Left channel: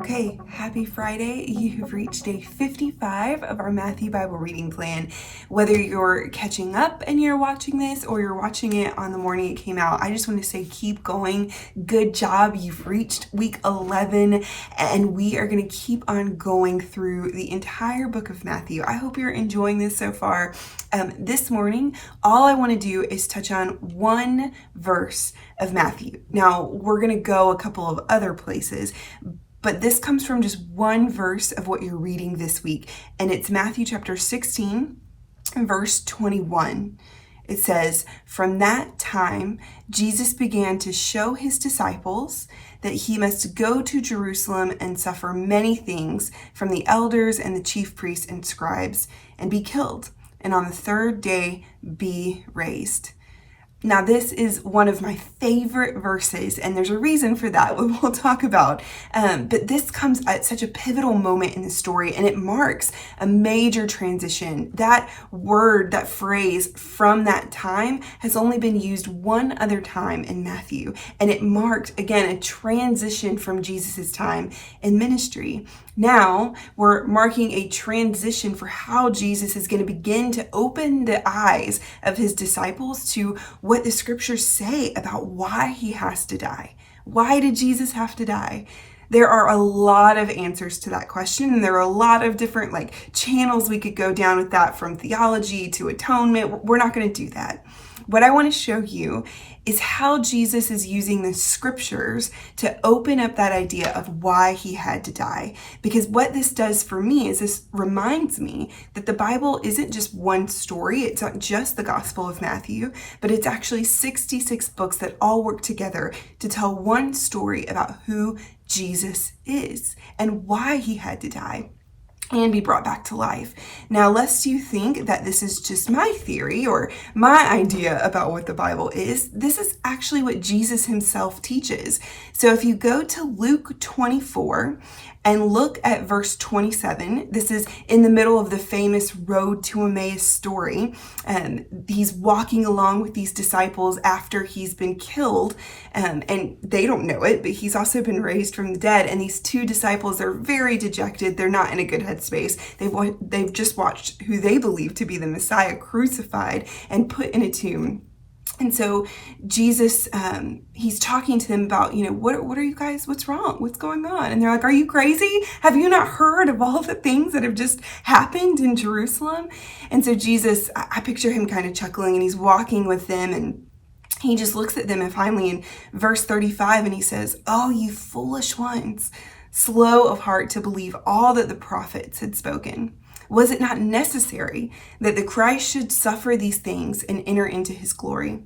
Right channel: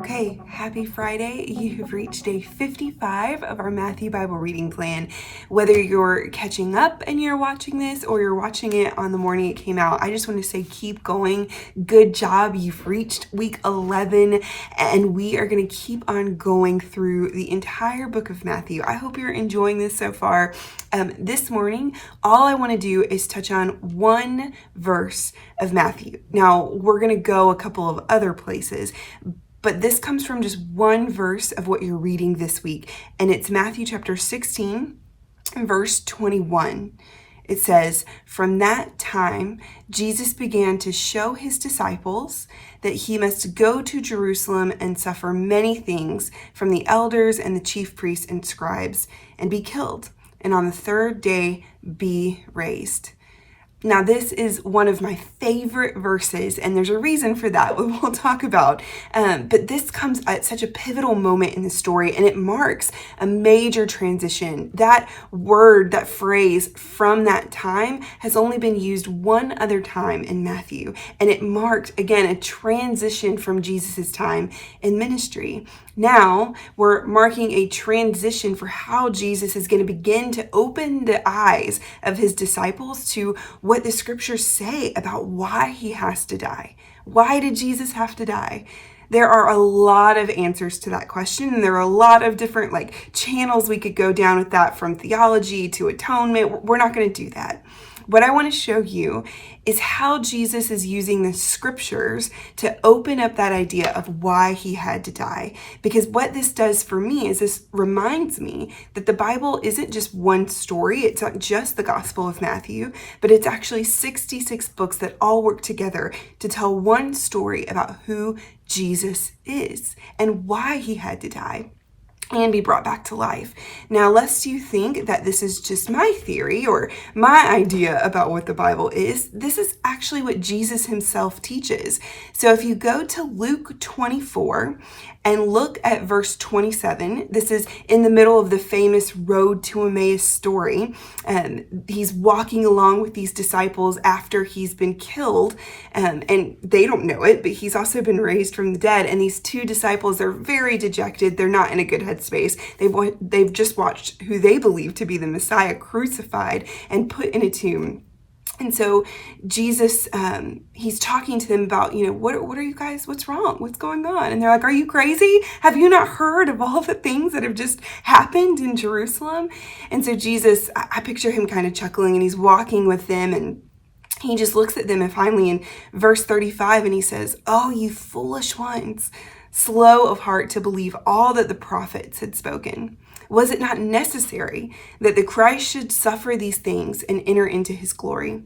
Okay, happy Friday. You have reached day 55 of our Matthew Bible reading plan. Whether you're catching up and you're watching this or you're watching it on the morning it came out, I just want to say keep going. Good job. You've reached week 11 and we are going to keep on going through the entire book of Matthew. I hope you're enjoying this so far. This morning, all I want to do is touch on one verse of Matthew. Now, we're going to go a couple of other places, but this comes from just one verse of what you're reading this week, and it's Matthew chapter 16, verse 21. It says, "From that time, Jesus began to show his disciples that he must go to Jerusalem and suffer many things from the elders and the chief priests and scribes, and be killed, and on the third day be raised." Now, this is one of my favorite verses, and there's a reason for that, we'll talk about. But this comes at such a pivotal moment in the story, and it marks a major transition. That word, that phrase, "from that time," has only been used one other time in Matthew, and it marked, again, a transition from Jesus' time in ministry. Now we're marking a transition for how Jesus is going to begin to open the eyes of his disciples to what the scriptures say about why he has to die. Why did Jesus have to die? There are a lot of answers to that question, and there are a lot of different channels we could go down with that, from theology to atonement. We're not going to do that. What I want to show you is how Jesus is using the scriptures to open up that idea of why he had to die. Because what this does for me is this reminds me that the Bible isn't just one story. It's not just the Gospel of Matthew, but it's actually 66 books that all work together to tell one story about who Jesus is and why he had to die and be brought back to life. Now, lest you think that this is just my theory or my idea about what the Bible is, this is actually what Jesus himself teaches. So if you go to Luke 24 and look at verse 27, this is in the middle of the famous Road to Emmaus story. He's walking along with these disciples after he's been killed, and they don't know it, but he's also been raised from the dead. And these two disciples are very dejected. They're not in a good headspace. They've just watched who they believe to be the Messiah crucified and put in a tomb. And so Jesus, he's talking to them about, what are you guys, what's wrong? What's going on? And they're like, "Are you crazy? Have you not heard of all the things that have just happened in Jerusalem?" And so Jesus, I picture him kind of chuckling, and he's walking with them, and he just looks at them, and finally in verse 35, and he says, "Oh, you foolish ones, slow of heart to believe all that the prophets had spoken. Was it not necessary that the Christ should suffer these things and enter into his glory?"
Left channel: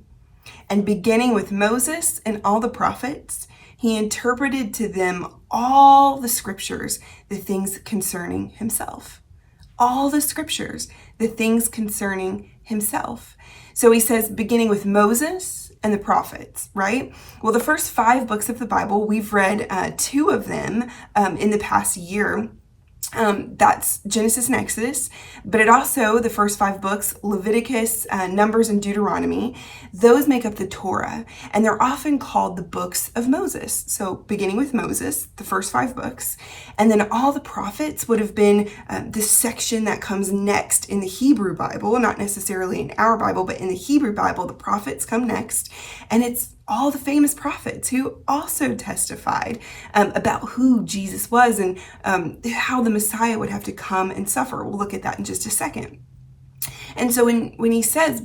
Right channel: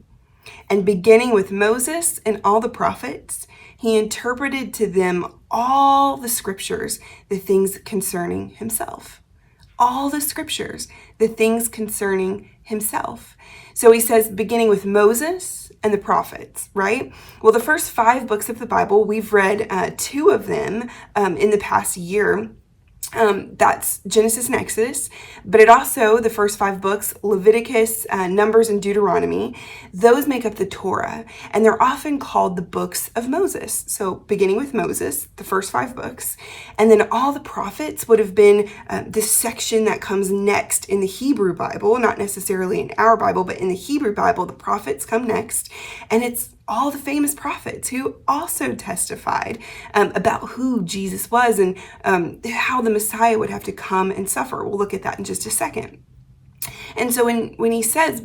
And beginning with Moses and all the prophets, he interpreted to them all the scriptures, the things concerning himself. All the scriptures, the things concerning himself. So he says, beginning with Moses and the prophets, right? Well, the first 5 books of the Bible, we've read 2 of them in the past year. That's Genesis and Exodus, but it also, the first 5 books, Leviticus, Numbers, and Deuteronomy, those make up the Torah, and they're often called the books of Moses. So beginning with Moses, the first 5 books, and then all the prophets would have been this section that comes next in the Hebrew Bible, not necessarily in our Bible, but in the Hebrew Bible, the prophets come next, and it's all the famous prophets who also testified about who Jesus was and how the Messiah would have to come and suffer. We'll look at that in just a second. And so when he says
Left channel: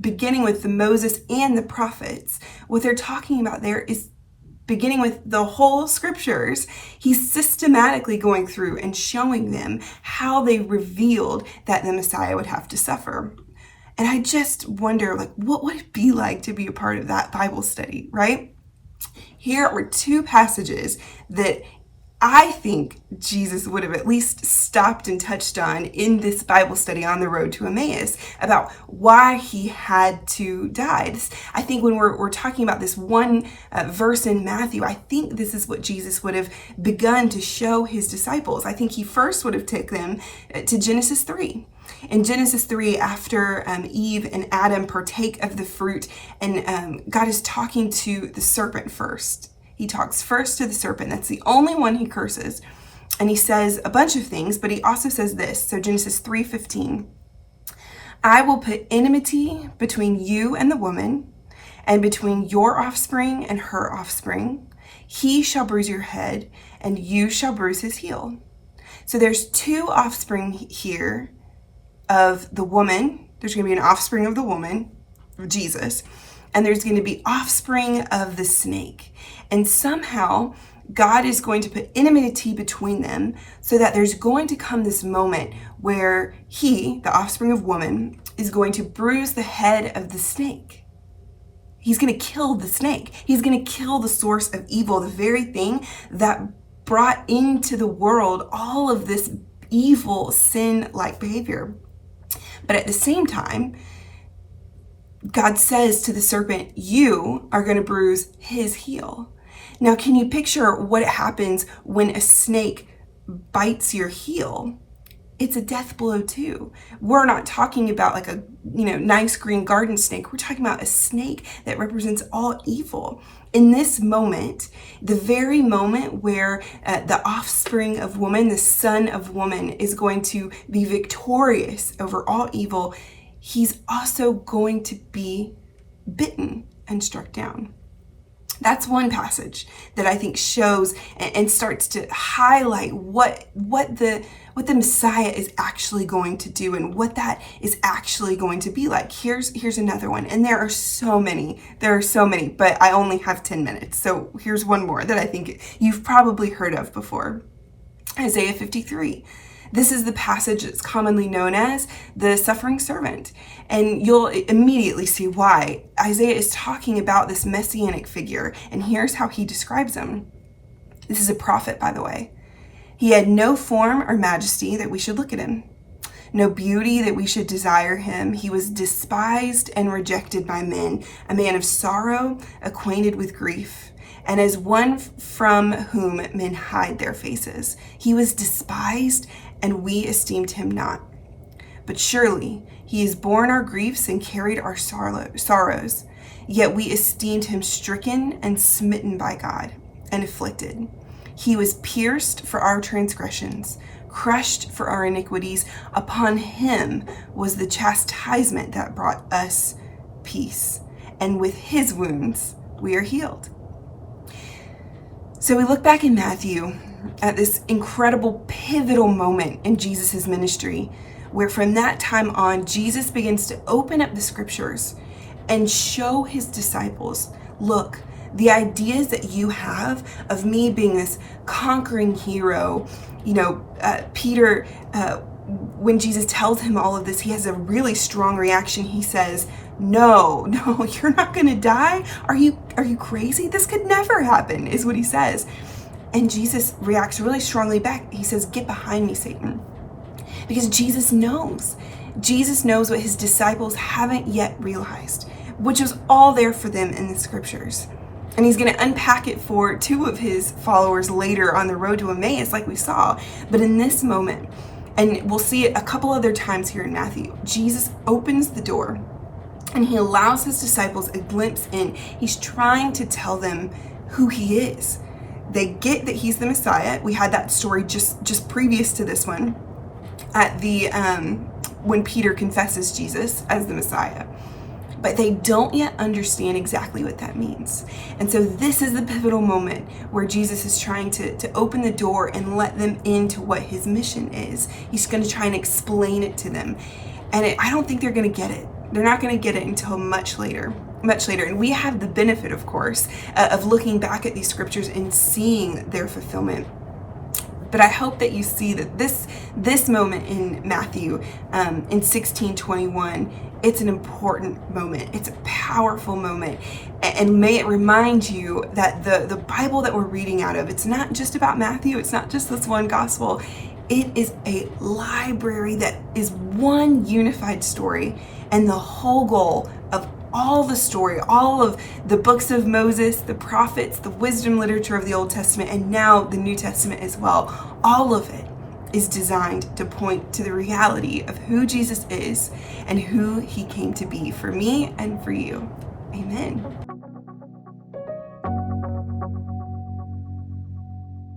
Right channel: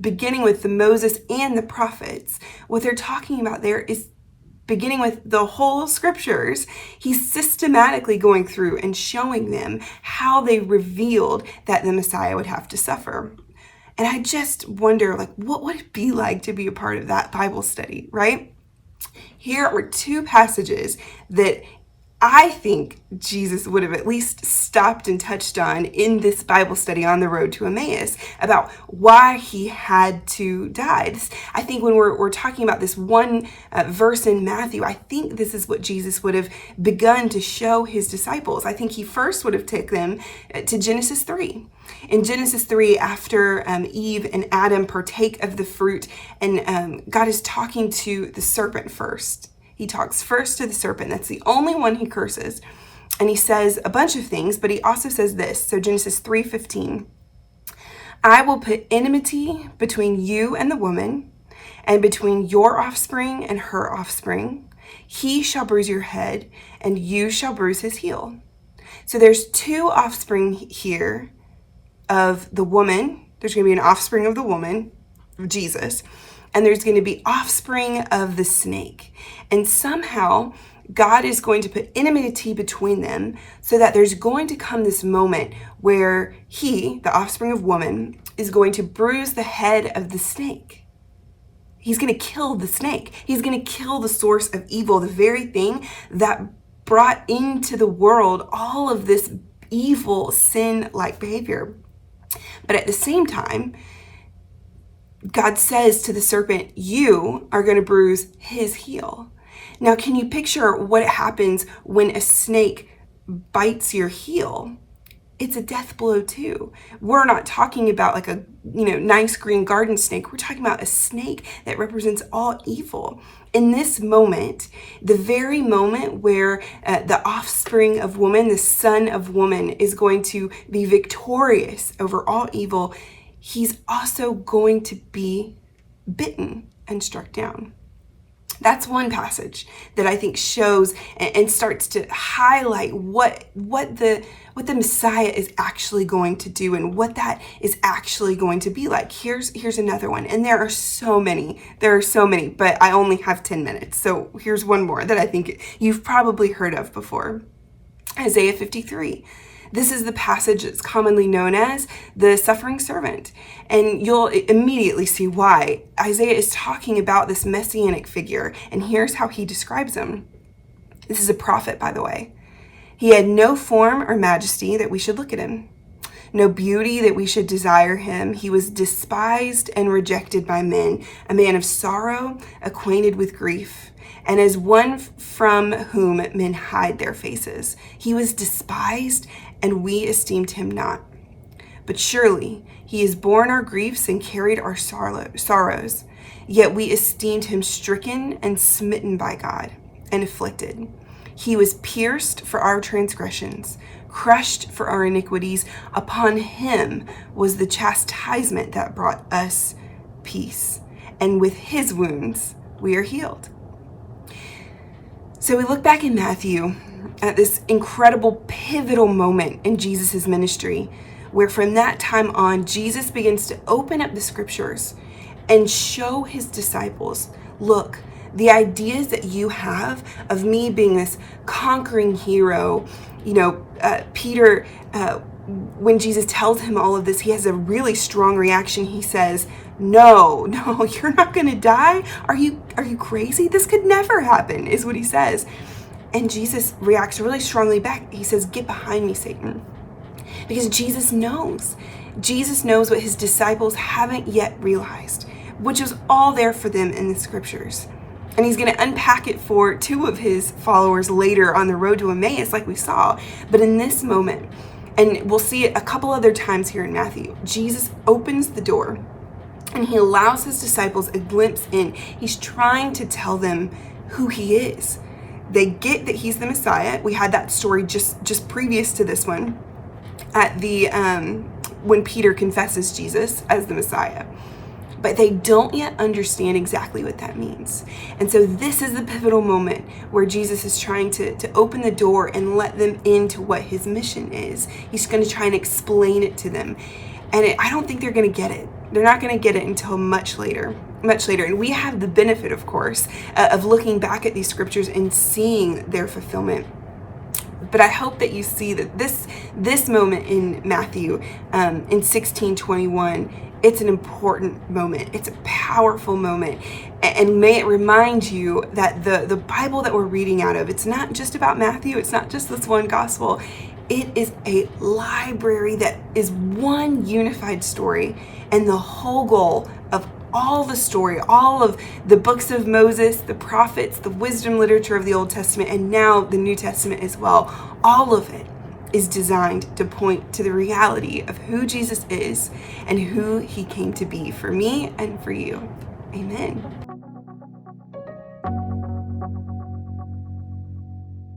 beginning with the Moses and the prophets, what they're talking about there is beginning with the whole scriptures. He's systematically going through and showing them how they revealed that the Messiah would have to suffer. And I just wonder, what would it be like to be a part of that Bible study, right? Here are 2 passages that I think Jesus would have at least stopped and touched on in this Bible study on the road to Emmaus about why he had to die. I think when we're talking about this one verse in Matthew, I think this is what Jesus would have begun to show his disciples. I think he first would have taken them to Genesis 3. In Genesis 3, after Eve and Adam partake of the fruit, and God is talking to the serpent first. He talks first to the serpent. That's the only one he curses. And he says a bunch of things, but he also says this. So Genesis 3:15, I will put enmity between you and the woman, and between your offspring and her offspring. He shall bruise your head, and you shall bruise his heel. So there's two offspring here of the woman. There's going to be an offspring of the woman, of Jesus, and there's going to be offspring of the snake. And somehow God is going to put enmity between them so that there's going to come this moment where he, the offspring of woman, is going to bruise the head of the snake. He's going to kill the snake. He's going to kill the source of evil, the very thing that brought into the world all of this evil, sin-like behavior. But at the same time, God says to the serpent, you are going to bruise his heel. Now, can you picture what happens when a snake bites your heel? It's a death blow too. We're not talking about like a, nice green garden snake. We're talking about a snake that represents all evil. In this moment, the very moment where the offspring of woman, the son of woman, is going to be victorious over all evil, he's also going to be bitten and struck down. That's one passage that I think shows and starts to highlight what the Messiah is actually going to do and what that is actually going to be like. Here's another one. And there are so many, but I only have 10 minutes. So here's one more that I think you've probably heard of before. Isaiah 53. This is the passage that's commonly known as the suffering servant. And you'll immediately see why. Isaiah is talking about this messianic figure, and here's how he describes him. This is a prophet, by the way. He had no form or majesty that we should look at him, no beauty that we should desire him. He was despised and rejected by men, a man of sorrow, acquainted with grief, and as one from whom men hide their faces. He was despised, and we esteemed him not. But surely he has borne our griefs and carried our sorrows. Yet we esteemed him stricken and smitten by God and afflicted. He was pierced for our transgressions, crushed for our iniquities. Upon him was the chastisement that brought us peace, and with his wounds we are healed. So we look back in Matthew at this incredible pivotal moment in Jesus' ministry, where from that time on, Jesus begins to open up the scriptures and show his disciples, look, the ideas that you have of me being this conquering hero, Peter, when Jesus tells him all of this, he has a really strong reaction. He says, no, you're not going to die. Are you crazy? This could never happen, is what he says. And Jesus reacts really strongly back. He says, get behind me, Satan. Because Jesus knows what his disciples haven't yet realized, which was all there for them in the scriptures. And he's going to unpack it for two of his followers later on the road to Emmaus, like we saw. But in this moment, and we'll see it a couple other times here in Matthew, Jesus opens the door and he allows his disciples a glimpse in. He's trying to tell them who he is. They get that he's the Messiah. We had that story just previous to this one at the when Peter confesses Jesus as the Messiah. But they don't yet understand exactly what that means. And so this is the pivotal moment where Jesus is trying to open the door and let them into what his mission is. He's going to try and explain it to them. And I don't think they're going to get it. They're not going to get it until much later. And we have the benefit, of course, of looking back at these scriptures and seeing their fulfillment. But I hope that you see that this moment in Matthew in 16:21 it's an important moment. It's a powerful moment. And may it remind you that the Bible that we're reading out of, it's not just about Matthew. It's not just this one gospel. It is a library that is one unified story. And the whole goal of all the story, all of the books of Moses, the prophets, the wisdom literature of the Old Testament, and now the New Testament as well, all of it is designed to point to the reality of who Jesus is and who he came to be for me and for you. Amen.